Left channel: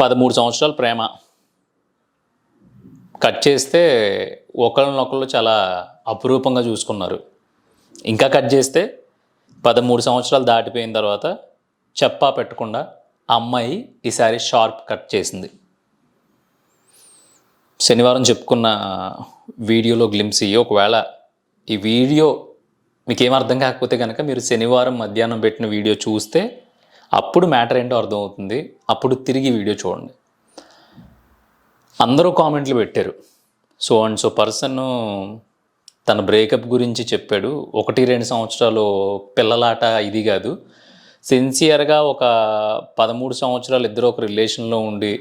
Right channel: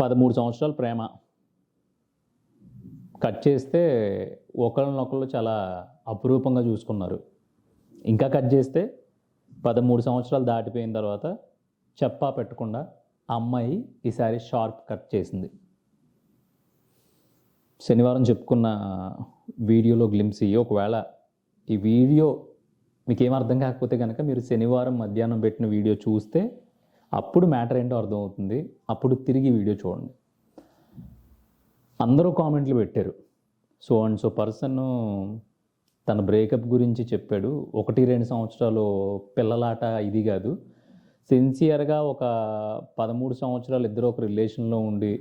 13 సంవత్సరాల ప్రేమ. కట్ చేస్తే ఒకళ్ళనొకళ్ళు చాలా అపురూపంగా చూసుకున్నారు. ఇంకా కట్ చేస్తే 13 సంవత్సరాలు దాటిపోయిన తర్వాత చెప్పా పెట్టకుండా ఆ అమ్మాయి ఈసారి షార్ప్ కట్ చేసింది. శనివారం చెప్పుకున్న వీడియోలో గ్లింప్స్ ఇయ్యి. ఒకవేళ ఈ వీడియో మీకేం అర్థం కాకపోతే కనుక మీరు శనివారం మధ్యాహ్నం పెట్టిన వీడియో చూస్తే అప్పుడు మ్యాటర్ ఏంటో అర్థమవుతుంది. అప్పుడు తిరిగి వీడియో చూడండి. అందరూ కామెంట్లు పెట్టారు. సో అండ్ సో పర్సన్ తన బ్రేకప్ గురించి చెప్పాడు. 1-2 సంవత్సరాలు పిల్లలాట ఇది కాదు. సిన్సియర్గా ఒక 13 సంవత్సరాలు ఇద్దరు ఒక రిలేషన్లో ఉండి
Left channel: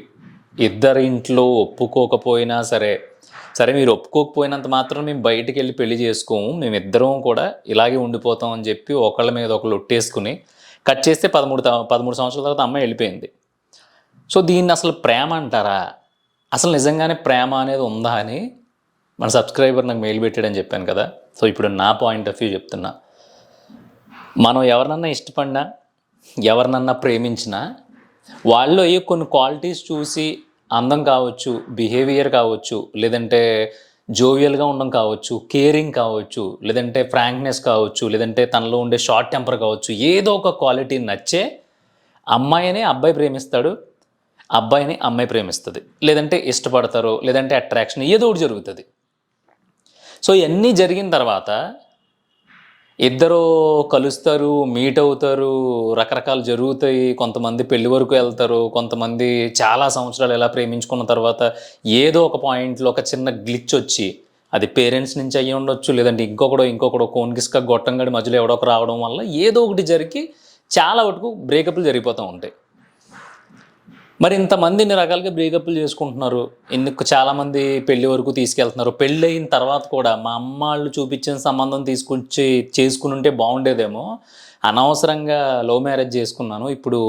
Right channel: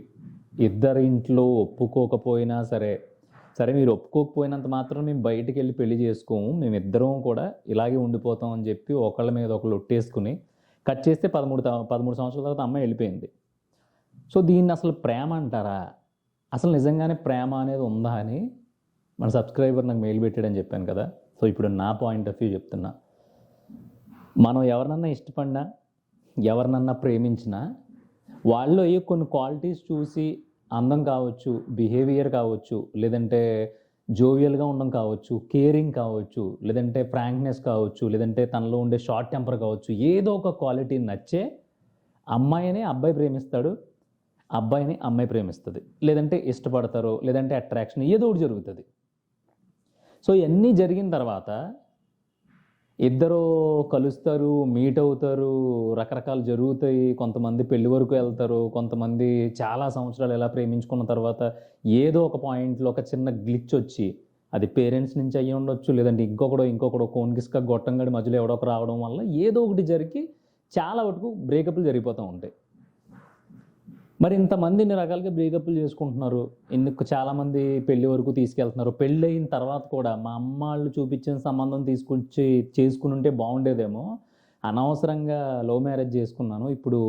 ఇద్దరి ఇంట్లో ఒప్పుకోకపోయినా సరే మీరు ఒప్పుకోకపోయినంత మాత్రం మేము బయటికి వెళ్ళి పెళ్లి చేసుకోము, మేమిద్దరం కూడా ఇలాగే ఉండిపోతాం అని చెప్పి ఒకళ్ళ మీద ఒకళ్ళు ఒట్టేసుకుని కట్ చేస్తే 13 సంవత్సరాల తర్వాత అమ్మాయి వెళ్ళిపోయింది. సో దీన్ని అసలు ప్రేమ అంటారా? అసలు నిజంగానే ప్రేమ అనేది ఉందా అని మన సబ్స్క్రైబర్ నాకు మెయిల్ పెట్టాడని చెప్పాను కదా. సో ఇప్పుడు నా పాయింట్ ఆఫ్ వ్యూ చెప్తున్నా. మనం ఎవరినన్నా ఇష్టపడినా ఎవరినన్నా ప్రేమించినా వాళ్ళు అయ్యే కొన్ని క్వాలిటీస్ చూసి అందం కావచ్చు, బిహేవియర్ కావచ్చు, లేదంటే జోవియల్గా ఉండడం కావచ్చు, కేరింగ్ కావచ్చు, లేదంటే ఫ్రాంక్నెస్ కావచ్చు, లేదంటే తనలో ఉండే షార్ట్ టెంపర్ కావచ్చు, ఏదో ఒక క్వాలిటీ నచ్చే అమ్మాయిని అబ్బాయి ప్రేమిస్తాడు, అబ్బాయిని అమ్మాయి ప్రేమిస్తుంది, లేదంటే ఇష్టపడతారు, లేదంటే అట్రాక్షన్ ఏదో ఒకటి జరుగుతుంది. సో ఇవన్నీ జరిగిన తర్వాత ఇద్దరు కలుస్తారు, మీట్ అవుతారు, రకరకాలు జరుగుతాయి. కొంతమంది పెళ్లి వరకు వెళ్తారు, కొంతమంది చాలా సంవత్సరాలు ఎలా ప్రేమించుకున్న తర్వాత ఏదో ఒక పాయింట్లో ఒక చిన్న గ్లిచ్ వచ్చి, అది పేరెంట్స్ నుంచి అయ్యి ఉండొచ్చు, లేదంటే ఇంకొకడో కోన్కిస్క గొట్టంగడి మధ్యలో ఎవడొక రావడం వల్ల ఏదో ఒకటి జరిగి చాలా వరకు బ్రేకప్లు జరిగిపోతూ ఉంటాయి. మరి ఇంతమంది ఇన్ని రకాలుగా బ్రేకప్లు చేసుకుంటున్నారు, ఎందుకు చాలామంది పెళ్లి వరకు తీసుకెళ్తున్నారు. పెళ్ళి అయిన తర్వాత కూడా మా అమ్మాళ్ళు చూపించిన సంబంధం తీసుకొచ్చి చేసుకుని ఉంటే బాగుండేదేమో, అనవసరంగా లవ్ మ్యారేజ్ చేసుకున్నాను, ఇప్పుడు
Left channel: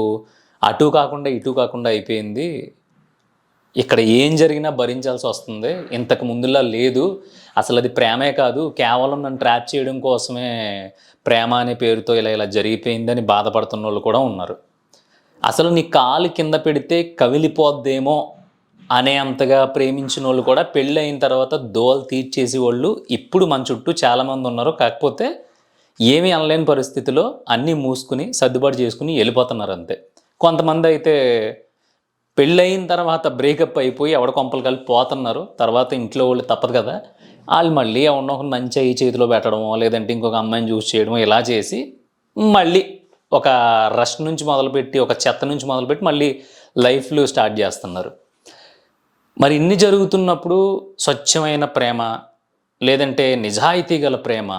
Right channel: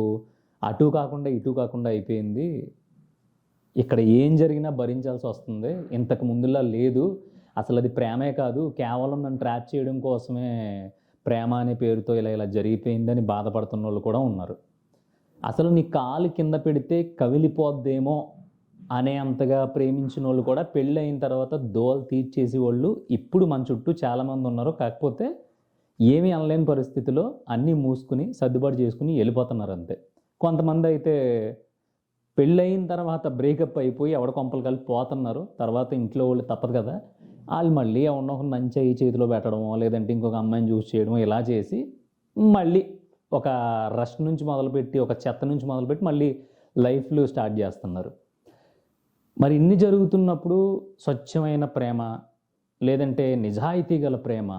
అటు కాకుండా ఇటు కాకుండా అయిపోయింది, ఇక్కడ ఏం జరిగినా భరించాల్సి వస్తుంది, ఇంతకు ముందులా లేదు, అసలు అది ప్రేమే కాదు, కేవలం నన్ను ట్రాప్ చేయడం కోసమే ప్రేమ అనే పేరుతో ఇలా జరిగిపోయిందని బాధపడుతున్న వాళ్ళు కూడా ఉన్నారు. అసలు నీ కాలు కింద పెడితే కవిలిపోద్దేమో అనే అంతగా ప్రేమించిన వాళ్ళు కూడా పెళ్ళి అయిన తర్వాత దోలు తీర్చేసి వాళ్ళు ఇప్పుడు మన చుట్టూ చాలామంది ఉన్నారు. కాకపోతే ఏమీ అనలేని పరిస్థితిలో అన్నీ మూసుకుని సర్దుబాటు చేసుకుని వెళ్ళిపోతున్నారు అంతే. కొంతమంది అయితే పెళ్ళయిన తర్వాత బ్రేకప్ అయిపోయి ఎవడ కొంపలు కలిపి పోతున్నారు. తర్వాత ఇంట్లో వాళ్ళు తప్పదు కదా, వాళ్ళు మళ్ళీ ఎవరినో ఒక మంచి అయ్యి చేతిలో పెట్టడమో, లేదంటే ఇంకొక అమ్మాయిని చూసి చేయడమో ఇలా చేసి మళ్ళీ ఒక రష్ నుంచి మొదలుపెట్టి, ఒక చెత్త నుంచి మొదలుపెట్టి మళ్ళీ లైఫ్లో స్టార్ట్ చేస్తున్నారు. మరి ఇన్ని జరుగుతున్నప్పుడు స్వచ్ఛమైన ప్రేమ, లేదంటే నిజాయితీ గల ప్రేమ,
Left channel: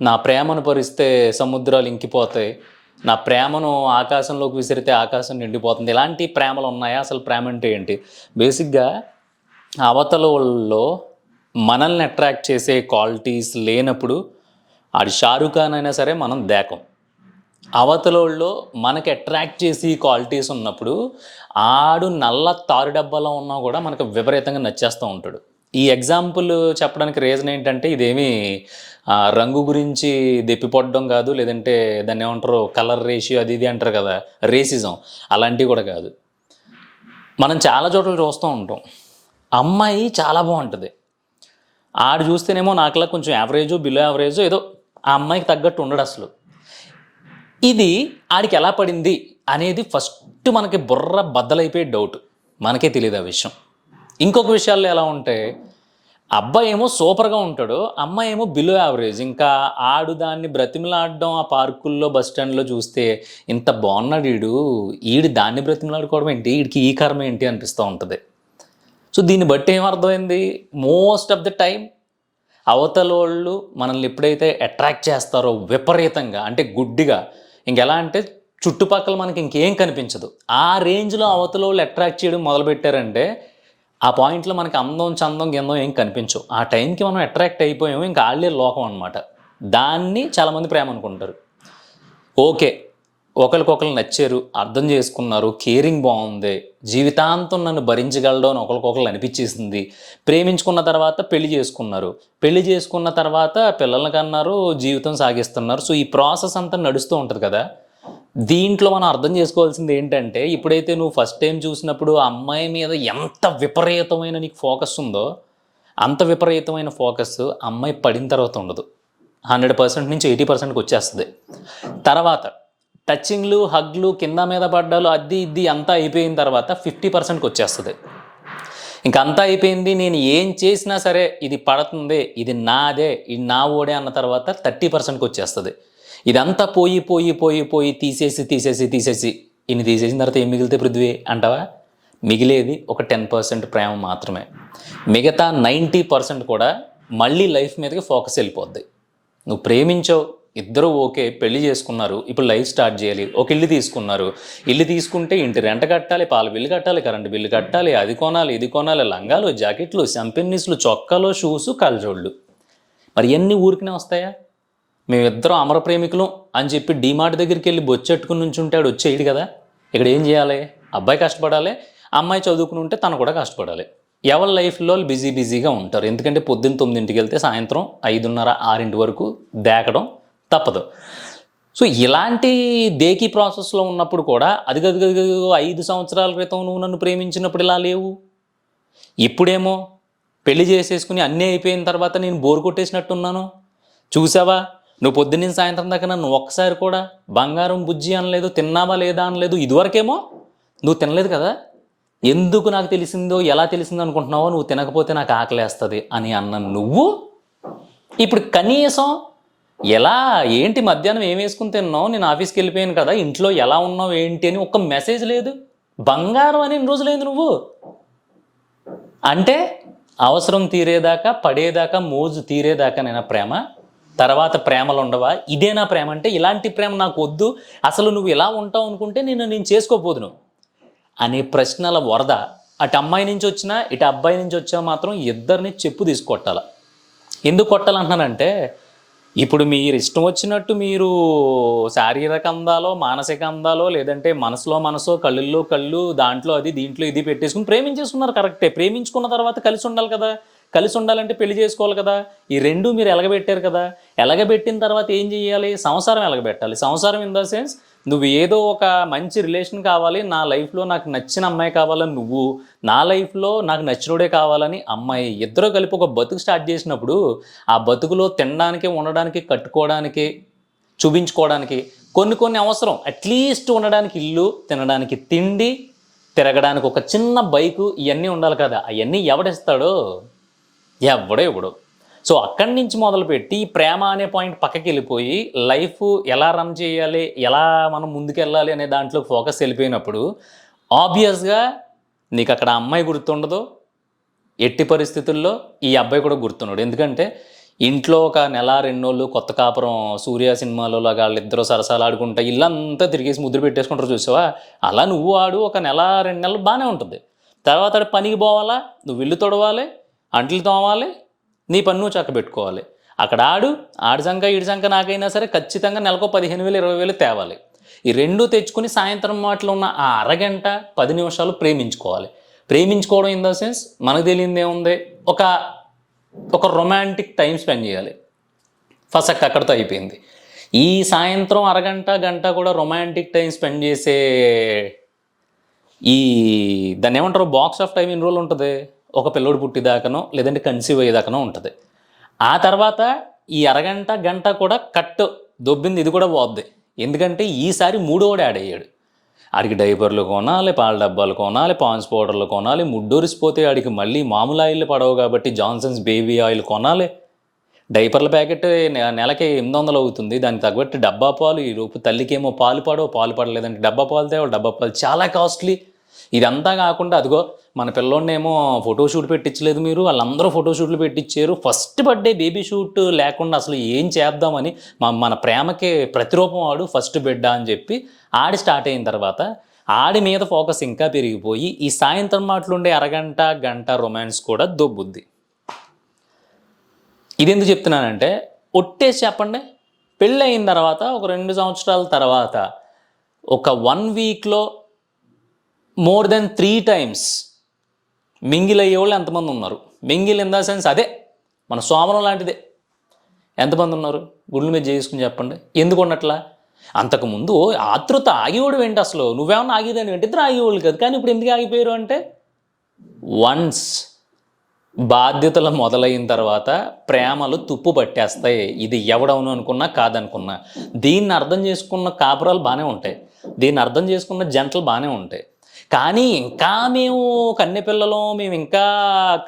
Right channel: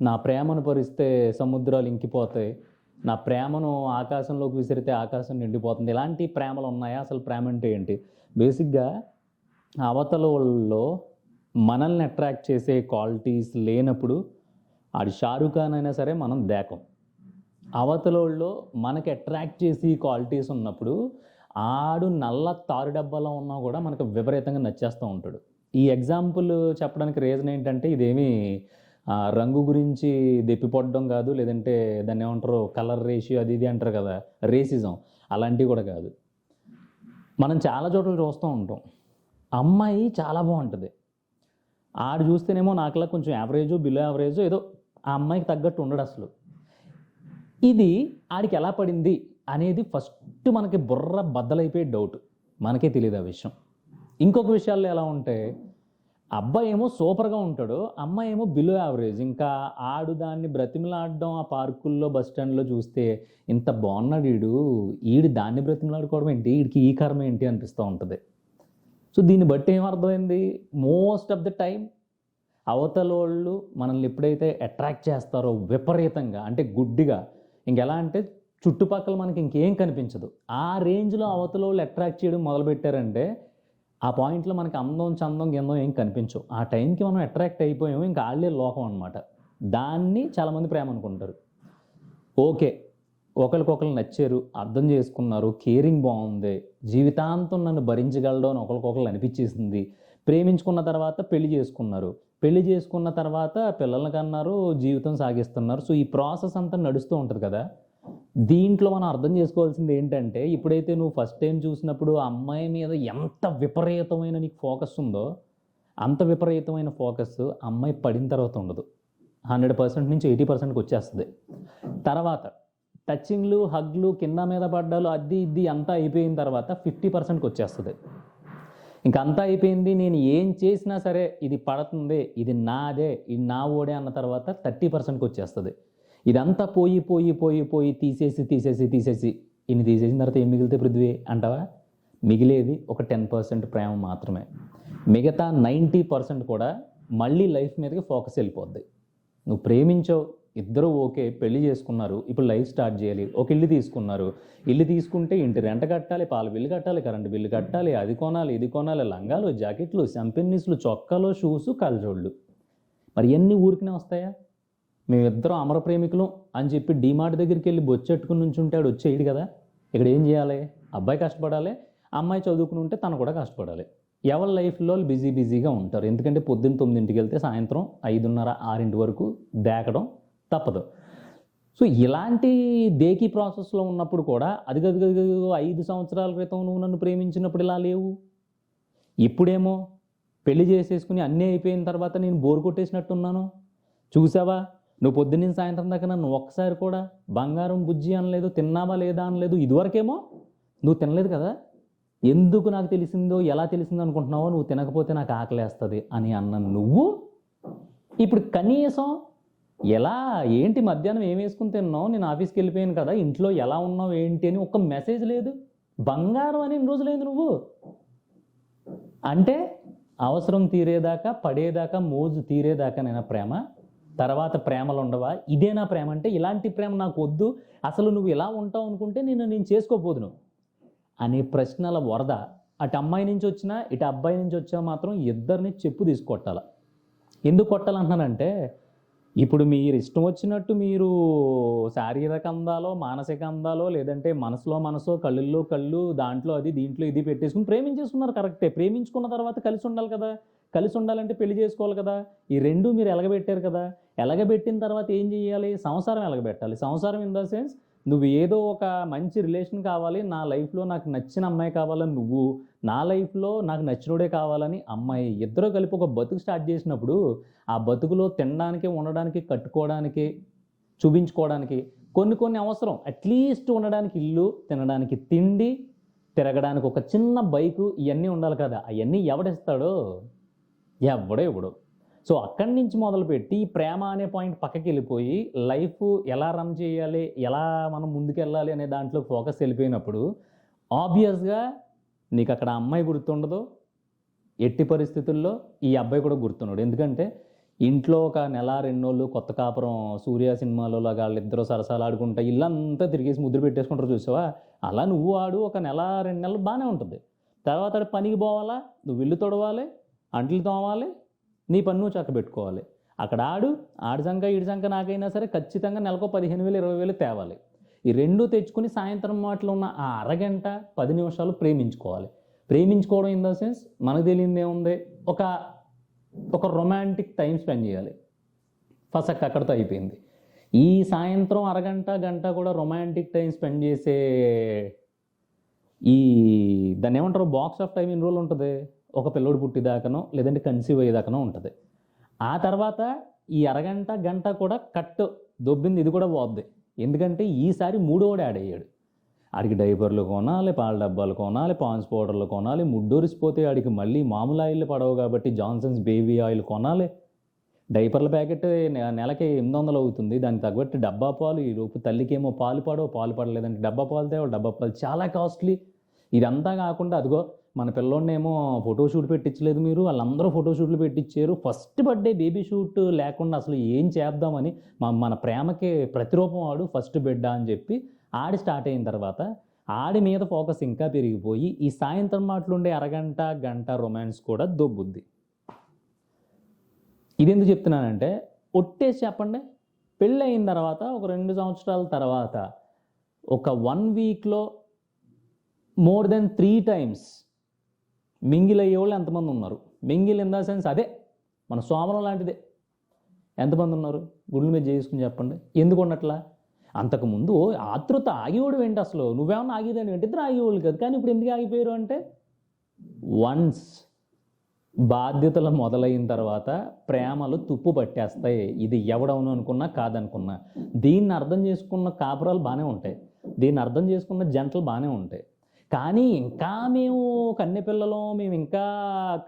నా ప్రేమను పరిస్తే సముద్రాలు ఇంకిపోతాయి, నా ప్రేమను ఆకాశంలోకి విసిరితే ఆకాశం నిండిపోతుంది, ఇలాంటి ప్రేమలు ఉన్నాయా? అసలు ప్రేమ అంటే ఏంటి? బేసిక్గా అవతల వాళ్ళలో మనల్ని అట్రాక్ట్ చేసే క్వాలిటీస్ లేనప్పుడు ఆడి షారుఖ్ ఖాన్ అయినా సరే మనం దేకం. అవతలోళ్ళలో మనకి అట్రాక్ట్ చేసి క్వాలిటీస్ ఉన్నప్పుడు ఆడు నల్ల తారు డబ్బాలో ఉన్నా కూడా మనకు విపరీతంగా నచ్చేస్తూ ఉంటాడు. ఈ ఎగ్జాంపుల్ చెప్పడానికి రీజన్ ఏంటంటే, ఇదేమీ రంగు గురించి దెప్పిపడడం కాదు, లేదంటే దాన్ని ఏమంటారు కలర్ రేషియో అది ఇది అంటారు కదా, రేసిజం, అలాంటివి కూడా కాదు. మనం చాలా చోట్ల చూస్తూ ఉంటాం, అమ్మాయి చాలా బాగుంటుంది, ఆడు చూస్తేనేమో నాకులా కొంచెం యావరేజో బిలో యావరేజో ఏదో ఆ అమ్మాయికి తగ్గట్టు ఉండడు అసలు. ఇది ఆడికి ఎలా పడింది అనేది ఫస్ట్ మనకి బుర్ర బద్దలైపోయే డౌట్, మనకే తెలియదు ఆ విషయం. ఇంకొక విషయాల్లో ఎలా ఉంటే, అబ్బాయి ఏమో సూపర్గా ఉంటాడు, అమ్మాయి ఏమో బిలో యావరేజ్. ఇంకా ఆడు దాన్ని బ్రతిమలాడడం ఆ పార్కుల్లో బస్ స్టాండ్లో చూస్తే, ఇంత బాగున్నాడు ఈడు దాన్ని బ్రతిమలాడుకోవడం ఏంటి, వీడికి ఈ కర్మ ఏంటి అనిపిస్తూ ఉంటుంది. సో దీన్ని బట్టి ఏమర్థమైంది, మోస్ట్ ఆఫ్ ద టైం అవతలోళ్ళు మనల్ని ఎప్పుడైతే అట్రాక్ట్ చేస్తారో విపరీతంగా, అంటే గుడ్డిగా, ఇంకెలా అంటే చుట్టుపక్కల మనకి ఇంకేం కనిపించదు, ఆ రేంజ్లో అవతలోళ్ళు అట్రాక్ట్ చేయడం మొదలుపెట్టారంటే ఆ పాయింట్లో మనకి అందం చందం గిందం ఏం కనిపించవు. ఆ టైంకి మనం అట్రాక్ట్ అయిపోయాము, ఇంకా ఆళ్ళే లోకం అనమాట. దాన్ని చాలామంది ప్రేమ అనుకుంటారు. ఓకే, ఒకరికొకరు నచ్చారు, అర్థం చేసుకున్నారు, కేరింగ్ బాగుంది, జీవితాంతం నన్ను భరించగలడం అని ఒకరికొకరు అనిపించేసింది, ప్రేమించుకున్న తర్వాత పెళ్లి చేసుకున్నారు, పెళ్లి చేసుకున్న తర్వాత పిల్లల్ని కన్నారు, జీవితం సాగిస్తున్నారు. సో ఈ ప్రాసెస్ అంతా నడుస్తూ ఉంటుంది కదా. దీంట్లో మనం అర్థం చేసుకోవాల్సింది ఏంటంటే, ఇప్పుడైతే నువ్వు ఫస్ట్ టైం చూసినప్పుడు ఆ అమ్మాయి మీద ఎంత విపరీతమైన నీకు ఫోకస్ ఉందో, అంత విపరీతమైన ఫోకస్ అమ్మాయి పడిన తర్వాత ఉండదు. 100% నుంచి 80%కి వచ్చేస్తుంది. తర్వాత టచింగ్లు, హగ్లు, కింద మీద పడ్డాలు, అది ఇది అంతా అయిపోయిన తర్వాత 50%కి వచ్చేస్తుంది. ఇంకంతా అయిపోయింది, నేను ఏం చేసినా సరే ఇది పడుతుంది, ఇది నాదే, ఇది నా ఓడే అన్న తర్వాత 30%కి వచ్చేస్తుంది. ఇదంతా పోయి పోయి పోయి పోయి తీసేసి ఇన్ని తీసేసిన తర్వాత ఏం మిగిలితే పృథ్వీ అంటావా? మిగిలేది ఒక 10% ప్రేమ మాత్రమే. మిగతా 90% కూడా మళ్ళీ లైఫ్ మీదకి ఫోకస్ వెళ్ళిపోద్ది. నువ్వు ప్రేమించావు, ఇద్దరు ఓకే, పెళ్లి చేసుకున్నారు, ఇప్పుడు లైఫ్ స్టార్ట్ చేయాలి, ఒక ఇల్లు తీసుకున్నారు, ఇల్లు తీసుకుంటే ఇంటి రెంట కట్టాలి, పాల బిల్లు కట్టాలి, కరెంటు బిల్లు కట్టాలి, అది కొనాలి, ఇది కొనాలి, లంగాలు, జాకెట్లు, సంపెన్నీస్లు, చొక్కాలు, షూసు, కళ్ళజోళ్ళు. మరి ఎన్ని ఊరికనే వస్తాయా? మేమిద్దరం అమర ప్రేమికులం అని చెప్పి డీమార్ట్ దగ్గరికి వెళ్ళి బొచ్చెట్టుకుని నుంచి ఉంటాడు, వచ్చేయడు కదా. ఇక్కడ ఏం చేయాలి? అబ్బాయి కష్టపడాలి, అమ్మాయి చదువుకుని ఉంటే తను కూడా కష్టపడాలి. ఎవరి లైఫ్లో బిజీగా ఉంటారు. ఎందుకంటే పొద్దున్న 9ంటికి వెళ్తే సాయంత్రం 5:30, 6 వరకు దేకడం తప్పదు. సో ఇలాంటి దేకీ ప్రాసెస్లో ఉన్నప్పుడు కూడా అది 5 సంవత్సరాల క్రితం నువ్వు నన్ను ప్రేమించినప్పుడు ఇలా లేవు, ఇప్పుడేమో పెళ్లి చేసేసుకుని అన్నీ అయిపోయిన తర్వాత నేను బోరు కొట్టేసినట్టున్నాను. చూసావా, నువ్వు పొద్దున్న సాయంత్రం దాకా నన్ను ఒక్కసారి కూడా బంగారం బుజ్జి అనలేదు, తిన్నావా లేదా అనలేదు. ఇదివరకేమో నువ్వు తినలేదు కదా, ఎందుకు నాకు తెలిసిందో, ఎలా తెలిసిందో అనుకుంటున్నావో, నువ్వు తినకపోతే నాకు ఆకలేస్తుంది అని అన్న నువ్వు ఇప్పుడు కనీసం ఎలా, ఏంటి మధ్యాహ్నం ఏం వేసుకుని తిన్నావు, నేను ఆఫీస్కి వెళ్ళిపోయాను కదా, ఇంట్లో ఎలా ఉన్నావు ఏంటి అని ఒక్క మెసేజ్ లేదు. బంగారం అని ఎన్ని రోజులైంది నువ్వు అంటే? అవసరం తీరేదాకా, పడేదాకా, మోజు తీరేదాకా నేను ప్రేమ, తర్వాత ప్రేమలు ఉండవా? ఇదేనా ప్రేమ అంటే? ఇలాంటి ప్రేమ నాకు వద్దు, అసలు నువ్వు ఇలా ఉంటావు అనుకుంటే నేను చేసుకోపోదును అనే ప్రశ్నల వరద అటు అమ్మాయి నుంచి వచ్చినా ఇటు అబ్బాయి నుంచి వచ్చా మాత్రం ఇద్దరిని చెప్పు తీసుకొట్టాల. ఎందుకు కొట్టాలంటున్నానంటే, ఇప్పుడు మీరు ఇష్టం వచ్చినట్టు మీరు శారీరక అందాలో, మానసిక అందాలో, లేదంటే మనసులో కళ్ళల్లో కళ్ళు, దాంట్లో అది, దీంట్లో ఇది పెట్టేసుకుని ప్రేమించేసుకున్నారు. కరెక్టే, ప్రేమించుకున్న తర్వాత కలిసి ఉండాలి కదా. కలిసి ఉండాలంటే పెళ్లి చేసుకోవాలి కదా. ఈ రెండు మీరు ఎలగబెట్టారు కదా. ఎలగబెట్టిన తర్వాత ఏం చేయాలి? సంసారం ఎలగబెట్టాలి. సంసారం ఇన్ ద సెన్స్, నువ్వు ఏదో ఒక మంచి రిలేషన్ కావాలి, నా లైఫ్లో నాకు నచ్చిన అమ్మాయి కావాలని నువ్వు, నా లైఫ్లో నాకు నచ్చినోడే కావాలని అమ్మాయి, ఇద్దరు కలిపి ఒక బతుకు స్టార్ట్ చేసినప్పుడు ఆ బతుకులో తినడానికి, ఉండడానికి, కట్టుకోవడానికి, చూపించుకోవడానికి కొన్ని అవసరం. అట్లీస్ట్ ఉండడానికి ఇల్లు, తినడానికి తిండి, తిరగడానికి ఒక చిన్న బైకు, ఇవన్నీ ఉండాలి కదా. అవన్నీ ఎవడిస్తాడో? ఎవడో. సో అక్కడి నుంచి మొదలుపెట్టి ప్రేమ అనే పాయింట్ పక్కకి వెళ్ళిపోయి లైఫ్ ఎలా రన్ చేయాలి, ఎలా మనం ముందుకెళ్ళాలి అనే దాంట్లో ఫోకస్ వెళ్ళిపోయినప్పుడు ఆబ్వియస్గా నీకు అక్కడ అమ్మాయి గుర్తుండదు, ఎట్టి పరిస్థితుల్లో ఈ అబ్బాయి కూడా గుర్తున్నాడు. ఎందుకంటే ఇంట్లో ఒక నెల 2 రోజులు కొత్త కాపురం, సూర్య సినిమాలో లాగా వాళ్ళిద్దరూ సరసాలు ఆడుకుంటా ఇల్లంతా తిరిగేసి ముద్ర పెట్టేసుకుంటారు చూసావా, అలా నువ్వు ఆడు ఒక నెల 2 నెలలు బాగానే ఉంటుంది. తర్వాత పనికి పోవాలా, నువ్వు ఇల్లు తొడవాలి, అంట్లు తోమాలి, నీ పన్ను చక్కబెట్టుకోవాలి. అక్కడ ఆడి సంఖ్య ఈడి సంఖ్య నాకైనా సరే ఖచ్చితంగా నెలకు 15,000 20,000 తేవాలి. ఈ రెండు తెచ్చుకుని సాయంత్రం మాటలో ఉన్న ఆ అరగంట 10 నిమిషాలు ప్రేమించుకోవడం ఇన్ ద సెన్స్ మనకు తెలియదు ఏముంది, ఒక రొమాంటిక్ టైం స్పెండ్ చేయాలి. ఫస్ట్ అక్కడితో అయిపోయింది. ఈ సాయంత్రం అరగంట గంట కూడా రొమాంటిక్ టైం స్పెండ్ చేసే దాన్ని ఏమంటారు, బాక్స్ ఆఫ్ టైం ఎన్ని రోజులు ఉంటుంది? ఒక పిల్లోడు పుట్టిదాకనో లేదంటే కన్సీవ్ అయ్యేదాకనో ఉంటుంది. ఆ తర్వాత ఈ అరగంట గంట కూడా దొబ్బింది, ఇది కూడా పోద్ది. ఎందుకంటే ఈసారి 3వోడు యాడ్ అయ్యాడు. ఆడికి డైపర్లు కొనాలి, పాల డబ్బాలు కొనాలి, పాన్స్ పౌడర్లు కొనాలి, ముడ్డూరిసిపోతే ఆడికి మళ్ళీ మామూలు ఆయిల్ పడవు కాబట్టి జాన్సన్స్ బేబీ ఆయిల్ కొనాలి. డైపర్ల ప్యాకెట్ నెలకి 800 అవుతుంది, దానికి తగ్గట్టు డబ్బా పాలు, ఈ రూపు తల్లికేమో పాలు పడలేదంటే డబ్బా పాలు తేవాలి, డబ్బా పాలు చాలా కాస్ట్లీ. ఇదంతా కాకుండా అదిగో మన పిల్లోడినేమో ఫోటోషూట్ పెట్టించలేదు మీరు, వాళ్ళందరూ ఫోటోషూట్లు పెట్టించారు. ఫస్ట్ బర్త్డే బేబీ షూట్ లేకుండా అసలు ఏం చేద్దామని మన ప్రేమకి ప్రతిరూపం ఆడు ఫస్ట్ బిడ్డ అని చెప్పి ఆడి స్టార్ట్ అయిన తర్వాత ఆడి మీద ఫోకస్ ఇంకా పెరిగిపోయి ఈ సాయంత్రం మాటలుండే అరగంట గంట రొమాన్స్ కూడా దొబ్బుద్ది. ఇది ఎందుకు చెప్తున్నానంటే, ఒట్టేసి చెప్పండి, పెళ్ళి అయిన తర్వాత ఒక 2 సంవత్సరాల తర్వాత ఒక 1 వీక్లో మోర్ దెన్ 3 times మింగిల్ అయ్యేవాళ్ళు ఎంతమంది ఉన్నారు? మింగిల్ ఇన్ ద సెన్స్ అదే మన సోమరం లాంటిదే. ఎంతమంది ఉన్నారు? గుళ్ళు మీద చేసుకుని చెప్పండి. ఎందుకు ఉన్నట్లా? అంతకుముందు ఆతృత ఆగేవాడు ఏంటి అసలు? నువ్వేమన్నా ఆగేదాన్ని ఏంటి? ఇద్దరు ఆగేవాళ్ళు కాదు. కానీ ఇప్పుడు ఎందుకు ఆగిపోయారు అంటే, వన్స్ బాధ్యతలు మొదలైన తర్వాత ప్రేమలు తుప్పు పట్టేస్తాయి. ఇది ఎవడవును అనుకున్నా కాదనుకున్నా. దీన్ని అర్థం చేసుకున్న కాపురాలు బాగానే ఉంటాయి, దీన్ని అర్థం చేసుకున్న జంటలు బాగానే ఉంటాయి. కానీ ఇంకా మేము కన్నె పిల్లలం, మేము ఇంకా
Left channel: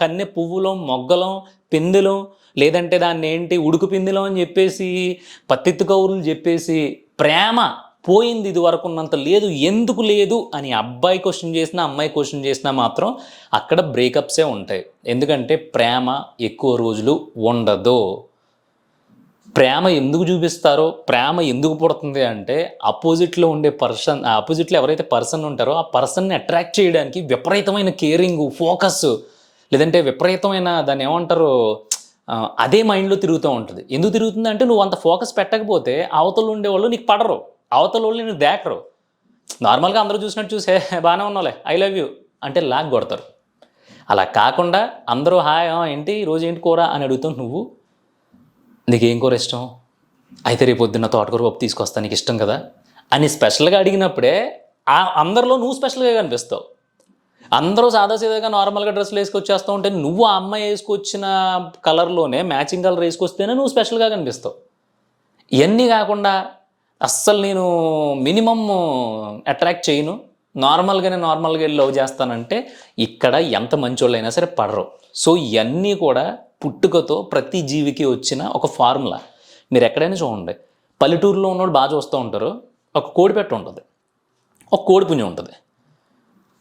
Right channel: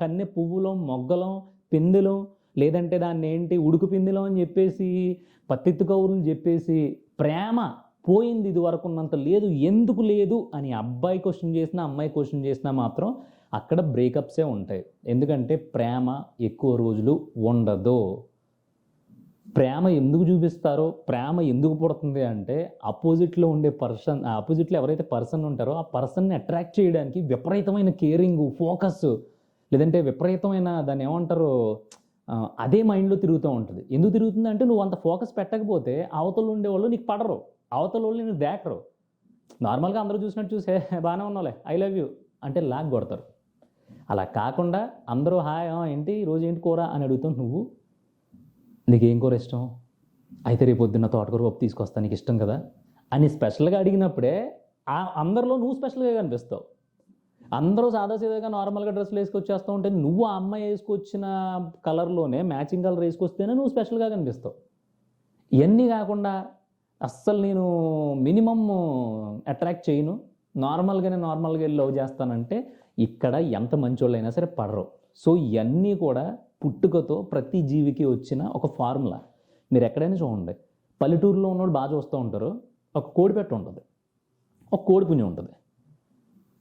కన్నె పువ్వులం, మొగ్గలం, పిందెలం, లేదంటే దాన్ని ఏంటి ఉడుకు పిందెలం అని చెప్పేసి పత్తిత్తు కౌరులు చెప్పేసి ప్రేమ పోయింది, ఇది వరకు ఉన్నంత లేదు, ఎందుకు లేదు అని అబ్బాయి క్వశ్చన్ చేసినా అమ్మాయి క్వశ్చన్ చేసినా మాత్రం అక్కడ బ్రేకప్సే ఉంటాయి. ఎందుకంటే ప్రేమ ఎక్కువ రోజులు ఉండదు. ప్రేమ ఎందుకు చూపిస్తారో, ప్రేమ ఎందుకు పుడుతుంది అంటే ఆపోజిట్లో ఉండే పర్సన్, ఆపోజిట్లో ఎవరైతే పర్సన్ ఉంటారో ఆ పర్సన్ని అట్రాక్ట్ చేయడానికి విపరీతమైన కేరింగ్, ఫోకస్, లేదంటే విపరీతమైన దాన్ని ఏమంటారు అదే మైండ్లో తిరుగుతూ ఉంటుంది. ఎందుకు తిరుగుతుంది అంటే నువ్వు అంత ఫోకస్ పెట్టకపోతే అవతల ఉండేవాళ్ళు నీకు పడరు, అవతల వాళ్ళు నేను దేకరు. నార్మల్గా అందరూ చూసినట్టు చూసే బాగానే ఉన్నావులే, ఐ లవ్ యూ అంటే లాగ్ కొడతారు. అలా కాకుండా అందరూ హాయ్ ఏంటి ఈరోజు ఏంటి కూర అని అడుగుతావు నువ్వు, నీకేం కూర ఇష్టం, అయితే రేపు పొద్దున్న తోటకూర పప్పు తీసుకొస్తా, నీకు ఇష్టం కదా అని స్పెషల్గా అడిగినప్పుడే అందరిలో నువ్వు స్పెషల్గా కనిపిస్తావు. అందరూ సాదాసీదాగా నార్మల్గా డ్రెస్సులు వేసుకొచ్చేస్తూ ఉంటే నువ్వు ఆ అమ్మాయి వేసుకొచ్చిన కలర్లోనే మ్యాచింగ్ కలర్ వేసుకొస్తేనే నువ్వు స్పెషల్గా కనిపిస్తావు. ఇవన్నీ కాకుండా అస్సలు నేను మినిమమ్ అట్రాక్ట్ చేయను, నార్మల్గా వెళ్ళి లవ్ చేస్తానంటే ఇక్కడ ఎంత మంచోళ్ళైనా సరే పడరు. సో ఇవన్నీ కూడా పుట్టుకతో ప్రతి జీవికి వచ్చిన ఒక ఫార్ములా. మీరు ఎక్కడైనా చూడండి, పల్లెటూరులో ఉన్నవాడు బాగా చూస్తూ ఉంటారు, ఒక కోడిపెట్ట ఉంటుంది, ఒక కోడిపుంజి ఉంటుంది.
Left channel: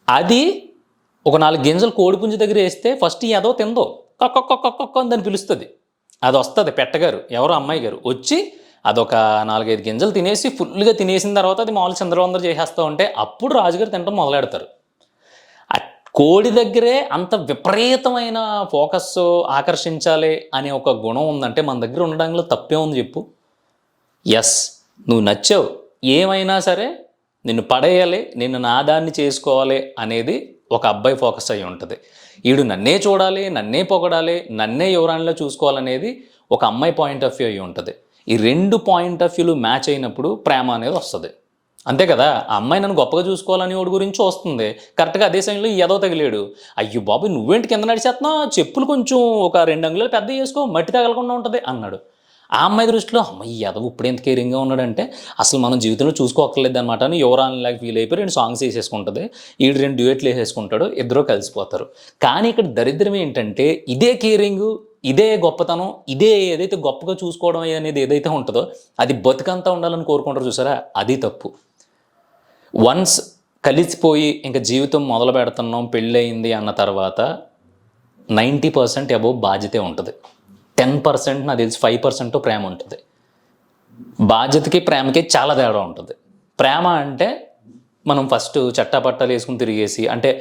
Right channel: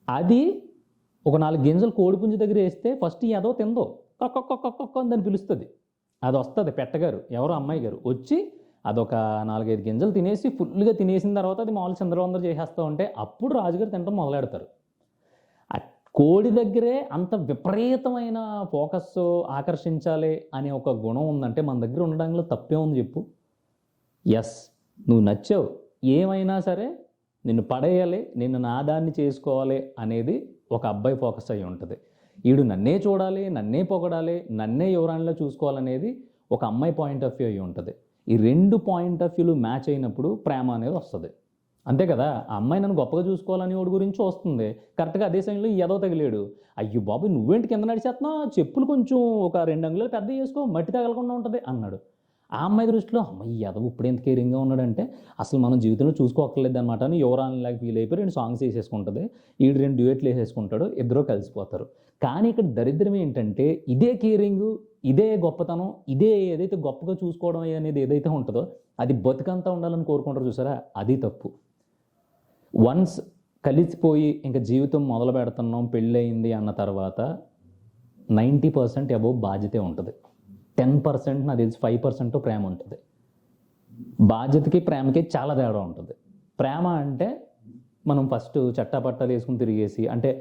అది ఒక 4 గింజలు కోడిపుంజి దగ్గర వేస్తే ఫస్ట్ ఏదో తిందో కొక్క అని దాన్ని పిలుస్తుంది. అది వస్తుంది పెట్టగారు, ఎవరో అమ్మాయి గారు వచ్చి అదొక 4-5 గింజలు తినేసి ఫుల్గా తినేసిన తర్వాత అది మామూలు చంద్రవందరు చేసేస్తూ ఉంటే అప్పుడు రాజుగారు తినడం మొదలెడతారు. కోడి దగ్గరే అంత విపరీతమైన ఫోకస్, ఆకర్షించాలి అనే ఒక గుణం ఉందంటే మన దగ్గర ఉండడంలో తప్పే ఉంది చెప్పు. ఎస్, నువ్వు నచ్చావు, ఏమైనా సరే నిన్ను పడేయాలి, నిన్ను నాదాన్ని చేసుకోవాలి అనేది ఒక అబ్బాయి ఫోకస్ అయ్యి ఉంటుంది. వీడు నన్నే చూడాలి, నన్నే పొగడాలి, నన్నే యువరాణిలో చూసుకోవాలనేది ఒక అమ్మాయి పాయింట్ ఆఫ్ వ్యూ అయ్యి ఉంటుంది. ఈ 2 పాయింట్ ఆఫ్ వ్యూలు మ్యాచ్ అయినప్పుడు ప్రేమ అనేది వస్తుంది. అంతే కదా, ఆ అమ్మాయి నన్ను గొప్పగా చూసుకోవాలని వాడి గురించి వస్తుంది. కరెక్ట్గా అదే సమయంలో ఏదో తగిలేడు, అయ్యో బాబు నువ్వేంటి కింద నడిచేస్తున్నావు, చెప్పులు కొంచెం ఒక 2 అంగుళాలు పెద్ద చేసుకో, మట్టి తగలకుండా ఉంటుంది అన్నాడు. ఆ అమ్మాయి దృష్టిలో అమ్మాయి ఎదవ ఇప్పుడు ఎంత కేరింగ్గా ఉన్నాడంటే అసలు మనం జీవితంలో చూసుకోక్కర్లేదు అనమాట అని యువరానిలాగా ఫీల్ అయిపోయి 2 సాంగ్స్ వేసేసుకుంటుంది, ఈడు 2 డ్యూయెట్లు వేసేసుకుంటాడు, ఇద్దరు కలిసిపోతారు. కానీ ఇక్కడ దరిద్రం ఏంటంటే ఇదే కేరింగు, ఇదే గొప్పతనం, ఇదే ఏదైతే గొప్పగా చూసుకోవడం అనేది ఏదైతే ఉంటుందో అది బతుకంతా ఉండాలని కోరుకుంటారు చూసారా, అది తప్పు. వన్స్ కలిసిపోయి ఇంకా జీవితం మొదలు పెడుతున్నాం, పెళ్ళయింది అన్న తర్వాత 90% అబోవ్ బాధ్యతే ఉంటుంది, 10% నాకు తెలిసి 5% ప్రేమ ఉంటుంది. బాధ్యతకి ప్రేమకి చాలా తేడా ఉంటుంది. ప్రేమ అంటే మనం ఫస్ట్ చట్టాపట్టాలు వేసుకుని తిరిగేసి, అంటే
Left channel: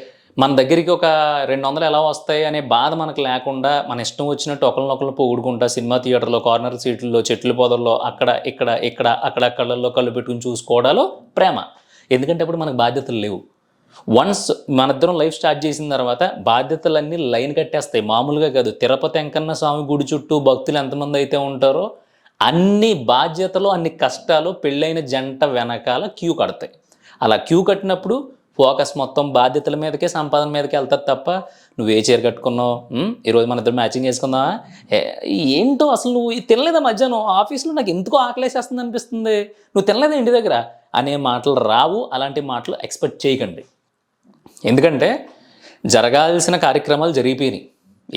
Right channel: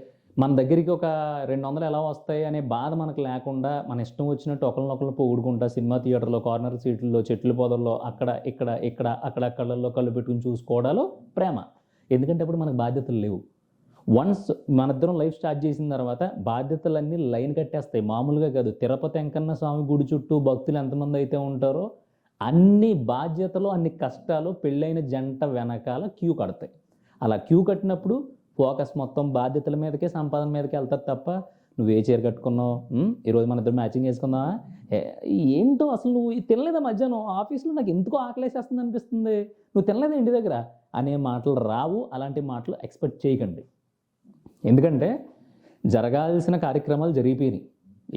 మన దగ్గరికి ఒక 200 ఎలా వస్తాయి అనే బాధ మనకు లేకుండా మన ఇష్టం వచ్చినట్టు ఒకరినొకరు పొగుడుకుంటా సినిమా థియేటర్లో, కార్నర్ సీట్లలో, చెట్ల పొదల్లో, అక్కడ ఇక్కడ అక్కడక్కడల్లో కళ్ళు పెట్టుకుని చూసుకోవడాలో ప్రేమ. ఎందుకంటే అప్పుడు మనకు బాధ్యతలు లేవు. వన్స్ మనిద్దరం లైఫ్ స్టార్ట్ చేసిన తర్వాత బాధ్యతలన్నీ లైన్ కట్టేస్తాయి. మామూలుగా కాదు, తిరుపతి వెంకన్న స్వామి గుడి చుట్టూ భక్తులు ఎంతమంది అయితే ఉంటారో అన్ని బాధ్యతలు, అన్ని కష్టాలు పెళ్ళైన జంట వెనకాల క్యూ కడతాయి. అలా క్యూ కట్టినప్పుడు ఫోకస్ మొత్తం బాధ్యతల మీదకే, సంపాదన మీదకి వెళ్తుంది తప్ప నువ్వు ఏ చీర కట్టుకున్నావు, ఈరోజు మన ఇద్దరు మ్యాచింగ్ చేసుకుందామా, ఏంటో అసలు నువ్వు తినలేదా మధ్యాహ్నం ఆఫీస్లో, నాకు ఎందుకో ఆకలేసేస్తుంది అనిపిస్తుంది, నువ్వు తినలేదా ఇంటి దగ్గర అనే మాటలు రావు. అలాంటి మాటలు ఎక్స్పెక్ట్ చేయకండి. ఎందుకంటే జరగాల్సిన కార్యక్రమాలు జరిగిపోయినాయి.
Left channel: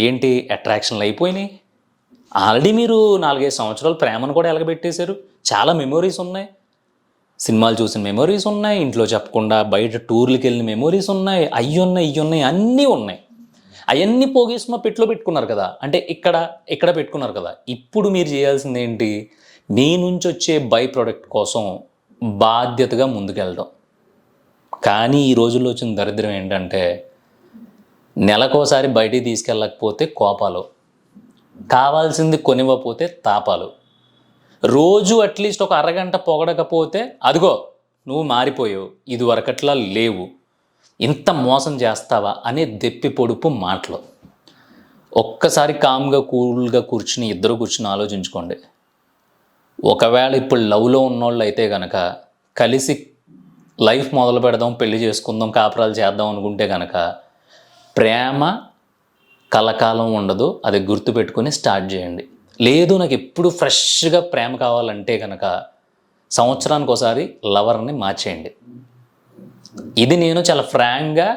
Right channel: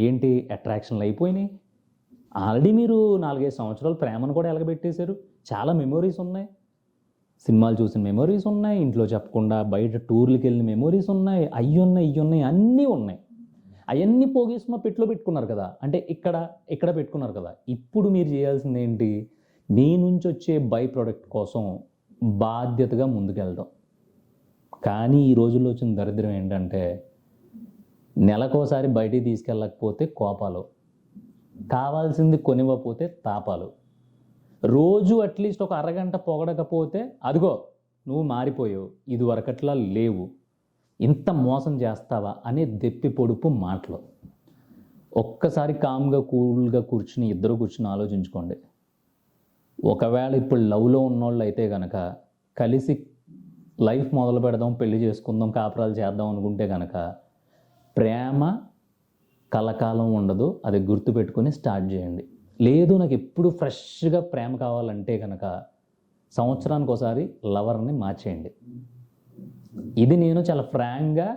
ఏంటి, అట్రాక్షన్లు అయిపోయినాయి. ఆల్రెడీ మీరు 4-5 సంవత్సరాలు ప్రేమను కూడా ఎలగబెట్టేశారు. చాలా మెమొరీస్ ఉన్నాయి, సినిమాలు చూసిన మెమొరీస్ ఉన్నాయి, ఇంట్లో చెప్పకుండా బయట టూర్లకు వెళ్ళిన మెమొరీస్ ఉన్నాయి, ఇవి అన్నీ ఉన్నాయి. అవన్నీ పోగేసి మా పెట్టులో పెట్టుకున్నారు కదా, అంటే ఇక్కడ పెట్టుకున్నారు కదా. ఇప్పుడు మీరు చేయాల్సింది ఏంటి, మీ నుంచి వచ్చే బై ప్రోడక్ట్ కోసం బాధ్యతగా ముందుకెళ్ళడం. కానీ ఈ రోజుల్లో వచ్చిన దరిద్రం ఏంటంటే నెలకోసారి బయటికి తీసుకెళ్ళకపోతే కోపాలు, కావాల్సింది కొనివ్వకపోతే తాపాలు, రోజు అట్లీస్ట్ ఒక అరగంట పొగడకపోతే అదిగో నువ్వు మారిపోయావు, ఇది వరకట్లా లేవు, ఇంత మోసం చేస్తావా అనే దెప్పి పొడుపు మాటలు. ఒక్కసారి కామ్గా కూల్గా కూర్చుని ఇద్దరు కూర్చుని ఆలోచించుకోండి. ఒకవేళ ఇప్పుడు లవ్లో ఉన్నోళ్ళు అయితే కనుక కలిసి లైఫ్ మొదలు పెడదాం, పెళ్లి చేసుకుందాం, కాపురాలు చేద్దాం అనుకుంటే కనుక ప్రేమ కలకాలం ఉండదు. అది గుర్తుపెట్టుకొని స్టార్ట్ చేయండి. లేదు నాకు ఎప్పుడు ఫ్రెష్గా ప్రేమ కావాలంటే కనుక సంవత్సరానికి ఒకసారి లవర్ని మార్చేయండి. ఇది నేను చాలా ఫ్రాంక్గా,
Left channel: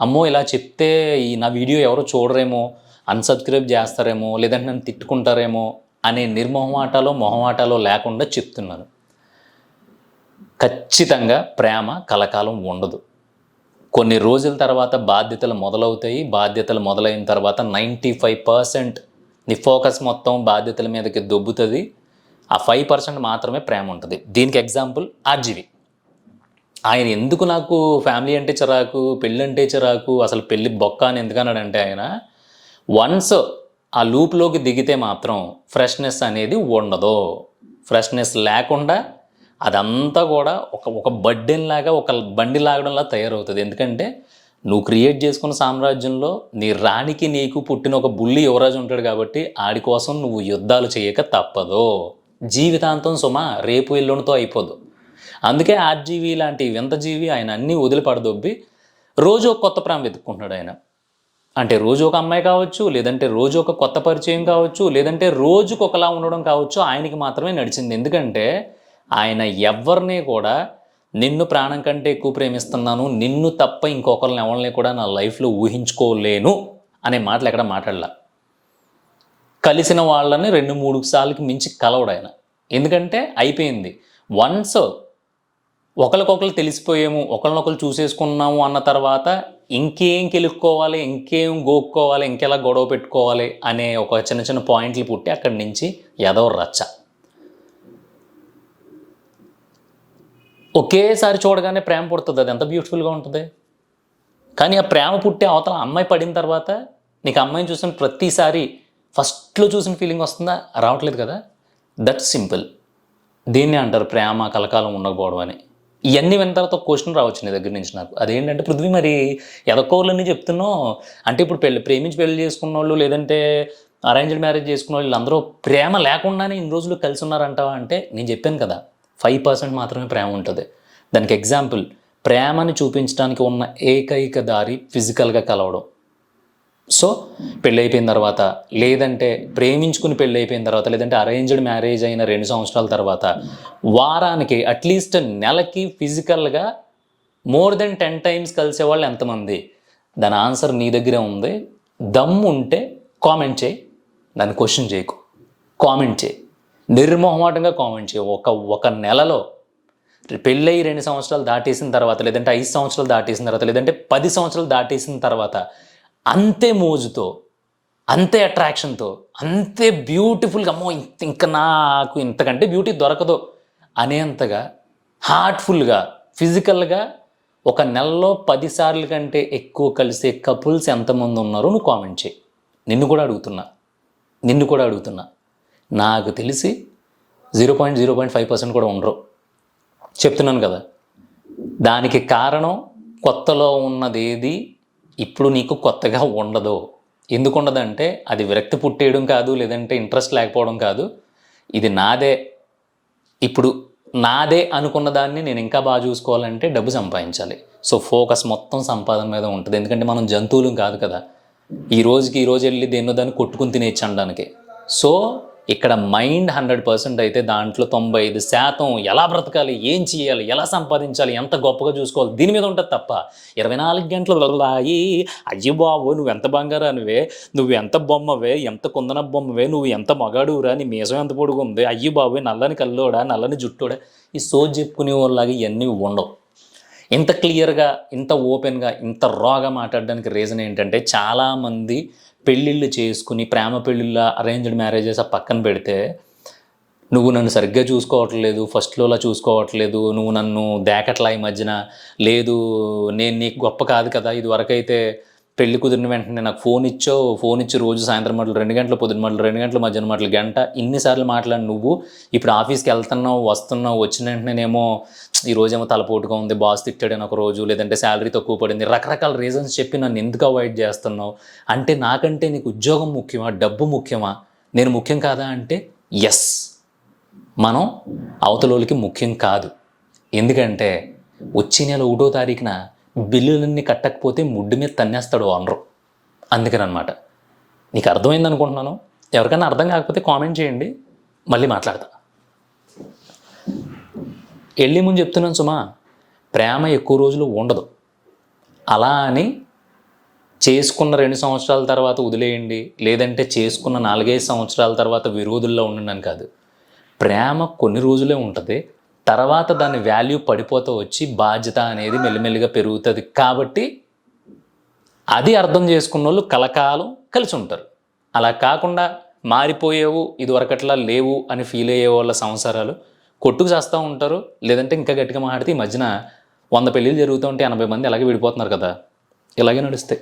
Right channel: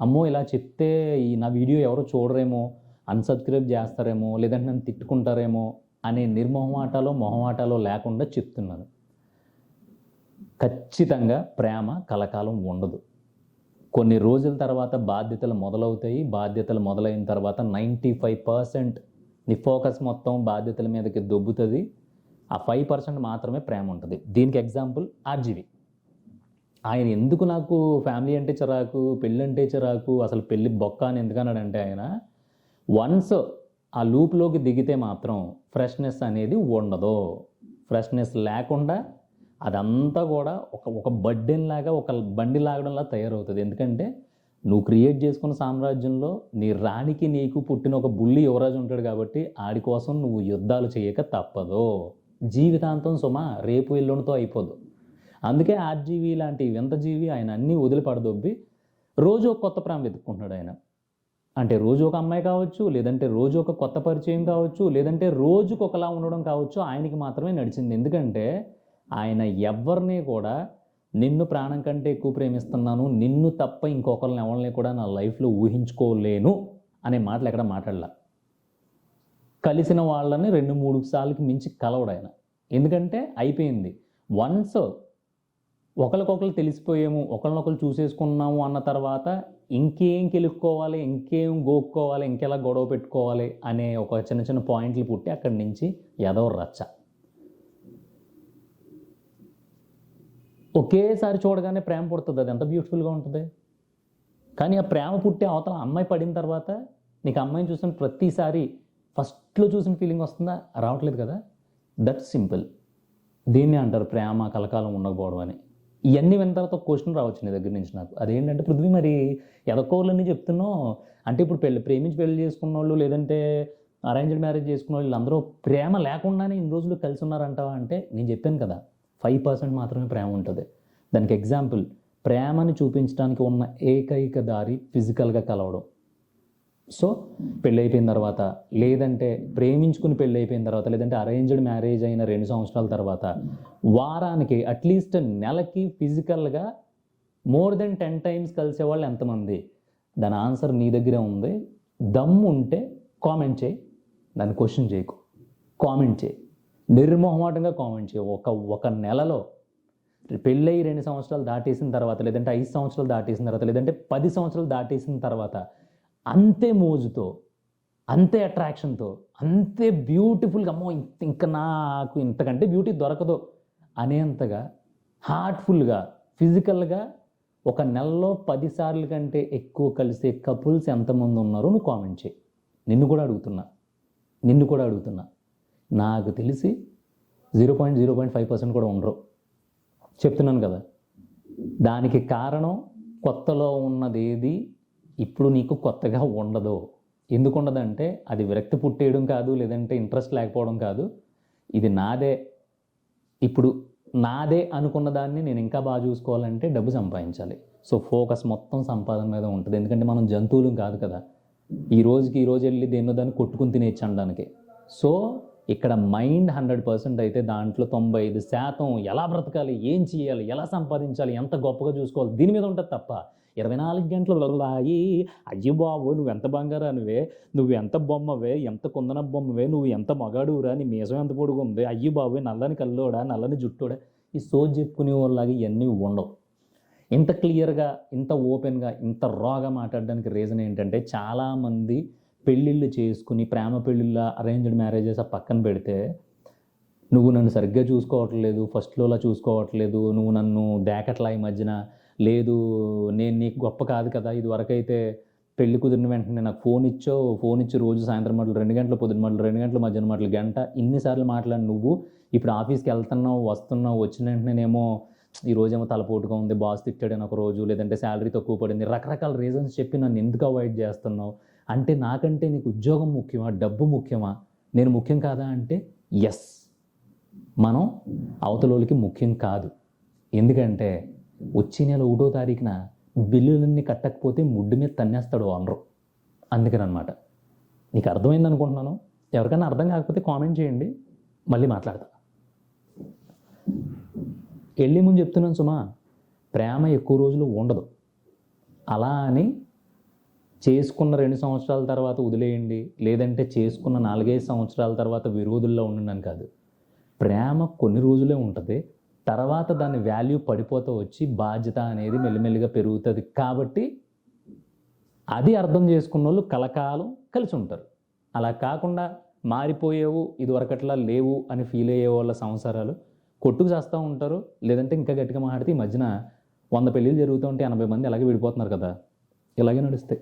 అమ్మో ఇలా చెప్తే ఈ నా వీడియో ఎవరో చూడరేమో, అన్సబ్స్క్రైబ్ చేస్తారేమో, లేదంటే నన్ను తిట్టుకుంటారేమో అనే మొహమాటాలో లేకుండా చెప్తున్నాను. ఖచ్చితంగా ప్రేమ కలకాలం ఉండదు. కొన్ని రోజుల తర్వాత బాధ్యతలు మొదలవుతాయి. బాధ్యతలు మొదలైన తర్వాత 95% నీ ఫోకస్ మొత్తం బాధ్యతల మీదకి దొబ్బుతుంది. ఆ 5% మాత్రమే ప్రేమ ఉంటుంది. దీనికి ఎగ్జాంపుల్ ఆర్జీవి. ఆయన ఎందుకు నాకు ఫ్యామిలీ అంటే చిరాకు, పెళ్ళి అంటే చిరాకు, అసలు పెళ్ళి బొక్క అని ఎందుకన్నాడంటే ఆయన వన్స్ ఆ లూప్లోకి దిగితే మాత్రం ఫ్రెష్నెస్ అనేది ఉండదు. ఫ్రెష్నెస్ లేకుండా అదంతా కూడా ఒక బర్డెన్ లాగా, ఒక బండి లాగడంలా తయారవుతుంది. ఎందుకంటే నువ్వు క్రియేట్ చేసుకున్న సామ్రాజ్యంలో నీ రాణికి నీకు పుట్టిన ఒక బుల్లి యువరాజు ఉంటాడు కాబట్టి ఆడి కోసం నువ్వు యుద్ధాలు చేయక తప్పదు. జీవితాంతం సుమా రేపు ఎల్లుండితో అయిపోదు. అందుకే ఆర్జీవి లాంటి వింత జీవి ఆయన అన్నీ వదిలిపడదొబ్బి రోజు ఒక కొత్త ప్రేమ వెతుక్కుంటున్నాడు ఆయన. అంటే రోజు ఒక అమ్మాయి కావచ్చు, లేదంటే రోజు ఒక కొత్త పరిచయం కావచ్చు, లేదంటే రోజుకు ఒకలా ఉండడం కావచ్చు, ఆయనకి మాత్రమే నడిచింది. ఎందుకంటే ఆయన ఎవరిని కూడా నిన్ను ప్రాణం కంటే ఎక్కువ ప్రేమిస్తున్నాను, నిన్ను తప్ప ఇంకొకరిని ఎవరిని కూడా నా లైఫ్లో ఊహించుకోలేను అనే మాటలు ఎక్కడ మాట్లాడలా. కలిసిన వాళ్ళని 2-3 సార్లకి మించి కలవడు ఆయన. ఎందుకంటే అయిపోయింది. వన్స్ ఒకరికొకరు తెలిసిపోయాము, ఒకరినొకరు చూసేసుకున్నాము అన్న తర్వాత ఇంకేం కెలుక్కోవాలి, ఇంకేం గోక్కోవాలి, ఇంకెలా గొడవ పెట్టుకోవాలి అనే ఒక చిన్న చిన్న పాయింట్లు పుట్టి అక్కడి నుంచి ఎదవ రచ్చ. ఒకేసారి చూడగానే ప్రేమ పుడుతుంది. అది ఎంత బ్యూటిఫుల్గా ఉంటుంది. కానీ ఆ ప్రేమ పుట్టే అవతల అమ్మాయి పడిన తర్వాత నీకు అమ్మాయిని చూసిన ప్రతిసారి ఫస్ట్లో చూసిన ఫీలింగ్ వస్తుందా? రావట్లేదు కదా. That simple. దీన్ని అంటారు ప్రేమ కలకాలం ఉండకపోవడం అని. ఇవన్నీ విన్న తర్వాత ఒక క్వశ్చన్ రావచ్చు నీ దగ్గర నుంచి నాకు. అదేంటంటే పృథ్వీ మరి ఎదకోళ్ళని చెప్తున్నావు అంటే ఇప్పుడు ప్రేమించి పెళ్లి చేసుకున్న వాళ్ళు, లేదంటే అరేంజ్డ్ మ్యారేజ్ చేసుకున్న వాళ్ళు అందరూ ప్రేమ లేకుండానే ఇన్ని రోజులు కలిసి ఉన్నారంటావా అంటే నేను చెప్పాను కదా 5% మాత్రమే ప్రేమ ఉంటుంది. దానికి ఎగ్జాంపుల్ ప్రేమని చూపించడానికి ఉన్న ఏకైక దారి ఫిజికల్గా కలవడం. సో పెళ్ళి అయిపోయిన తర్వాత, లేదంటే ప్రేమించుకుని పెళ్ళి అయిపోయిన తర్వాత, లేదంటే అరేంజ్డ్ మ్యారేజ్ అయిన 2 సంవత్సరాల తర్వాత వారానికి అట్లీస్ట్ నెలకి ఫిజికల్గా మోర్ దెన్ 10 times కలిసేవాళ్ళు ఎంతమంది? దాని ఆన్సర్ నీ దగ్గరే ఉంది. దమ్ము ఉంటే కామెంట్ చేయి, దాన్ని క్వశ్చన్ చేయకు, కామెంట్ చేయి, నిర్మోహమాటంగా కామెంట్ చేయి. ఒక నెలలో పెళ్ళయి 2 సంవత్సరాలు దాటేసిన తర్వాత, లేదంటే 5 సంవత్సరాలు దాటేసిన తర్వాత, లేదంటే 10 సంవత్సరాలు దాటేసిన తర్వాత అంతే మోజుతో, అంతే అట్రాక్షన్తో, అంతే బ్యూటిఫుల్గా అమ్మో ఇంకా నాకు ఇంతకంటే బ్యూటీ దొరకదు అనేంతగా హార్ట్ఫుల్గా ఫిజికల్గా ఒక నెలలో 10 సార్లు కంటే ఎక్కువ కలిసే కపుల్స్ ఎంతమంది ఉన్నారో నువ్వు కామెంట్ చేయి. నిన్ను కూడా అడుగుతున్నా. నాకు తెలిసి 0.05% కూడా ఉండరు. చెప్తున్నాను కదా. దానికి కారణం కొత్తలో ఉన్నదేది ఇప్పుడు నీకు కొత్తగా ఉండదు. ఎందుకు ఉండదంటే అది విరక్తి పుట్టేయడం కాదు, లేదంటే ఇంట్రెస్ట్ లేకపోవడం కాదు. ఇది నాదే, ఇప్పుడు నాదే అనుకున్న దాన్ని నేను ఇంకా బాగా చూసుకోవాలంటే డబ్బు సంపాదించాలి. సో ఫోకస్ మొత్తం సంపాదన మీద ఉంటుంది. ఎందుకంటే మనం జంతువులం కాదు కదా, ఈ రోజు వెళ్ళి దేన్నో దాన్ని కొట్టుకుని తినేచ్చు అనడానికి. సో ఇక్కడ మైండ్ 100% అయితే దాంట్లో 95% ఎలా బ్రతకాలి, ఏం చేయాలి, ఎలా సంపాదించాలి, ఎంత గొప్పగా చూసుకోవాలి దీని మీద ఉంటుంది తప్ప 24 గంటలు వెళ్ళాయి అయ్యి బాబు నువ్వు ఎంత బంగారానివే, నువ్వు ఎంత బొమ్మవే, ఎంత కుందన బొమ్మవే, నువ్వు ఎంత మగాడురా, నీ మీసం ఎంత పొడుగు ఉంది, అయ్యి బాబు నల్లని కల్లోడా, నల్లని జుట్టోడా, ఈ సోజ్ చెప్పుకునే వాళ్ళలాగా ఇవన్నీ ఉండవు. ఇంత క్లియర్గా, ఇంత ఓపెన్గా, ఇంత రాగా మాట్లాడడానికి రీజన్ ఏంటంటే చాలామంది పెళ్ళిళ్ళు చేసుకుని ప్రేమ పెళ్ళిళ్ళ అరేంజ్డ్ మ్యారేజెస్ ఆ పక్కన పెడితే నువ్వు నన్ను సరిగ్గా చూసుకోవట్లేదు, ఫస్ట్లోలా చూసుకోవట్లేదు, నువ్వు నన్ను దేకట్లా ఈ మధ్యన లేదు, నేను నీకు గొప్ప కాదు కదా, ఇది వరకైతే పెళ్లి కుదిరిన వెంటనే నాకు ఫోన్ ఇచ్చి రోజు సాయంత్రం మాటలు 2 గంటలు, పొద్దున మాటలు 2 గంటలు, మధ్యాహ్నం మాటలు గంట, ఇన్నిసార్లు మాట్లాడి నువ్వు ఇప్పుడు ఆఫీస్కి వెళ్తున్నావు, వస్తున్నావు, వచ్చిన వెంటనేనేమో ఈరోజేమో తలపోటుగా ఉంది, బాస్ తిట్టాడని ఒక రోజు, లేదంటే శాలరీ తక్కువ పడింది, రకరకాల రీజన్స్ చెప్పి నన్ను ఎందుకు అవాయిడ్ చేస్తున్నావు అంటే నాకంటే నీకు ఉద్యోగం ముఖ్యమా, డబ్బు ముఖ్యమా, నేను ముఖ్యం కాదా అంటే ఎస్, మనం అవతలోళ్ళకి ముఖ్యం కాదు. ఎందుకంటే వచ్చే నెల 1వ తారీఖున బిల్లులన్నీ కట్టకపోతే ముడ్డు మీద తన్నేస్తాడు ఓనరు. అందుకనమాట. నీకు అర్థమైంది అనుకుంటున్నాను. ఎవరికైనా అర్థం కాకపోతే కామెంట్ చేయండి, మళ్ళీ మాట్లాడతా. వెళ్ళే ముందు చెప్తున్నాను సుమా, ప్రేమ ఎక్కువ రోజులు ఉండదు. అలా అని చేసుకున్న 2 సంవత్సరాల తర్వాత వదిలేయండి, లేదంటే చేసుకున్న 4-5 సంవత్సరాల తర్వాత విరోధుల్లో ఉండండి కాదు. ప్రేమ కొన్ని రోజులే ఉంటుంది, తర్వాత దాని వాల్యూ పడిపోతూ వచ్చి బాధ్యత అనేది మెల్లిమెల్లిగా పెరుగుతుంది. కాబట్టి అది అర్థం చేసుకున్న వాళ్ళు కలకాలం కలిసి ఉంటారు. అలా కాకుండా మారిపోయేవు, ఇదివరకట్లా లేవు అని ఫీల్ అయ్యే వాళ్ళ సంసారాలు కొట్టుకు చేస్తూ ఉంటారు. లేదంటే ఇంకా గట్టిగా మాట్లాడితే ఈ మధ్యన 100 పెళ్ళిళ్ళు జరుగుతూ ఉంటే 80 మంది అలాగే విడిపోతున్నారు కదా. ఇలాగే నడుస్తాయి.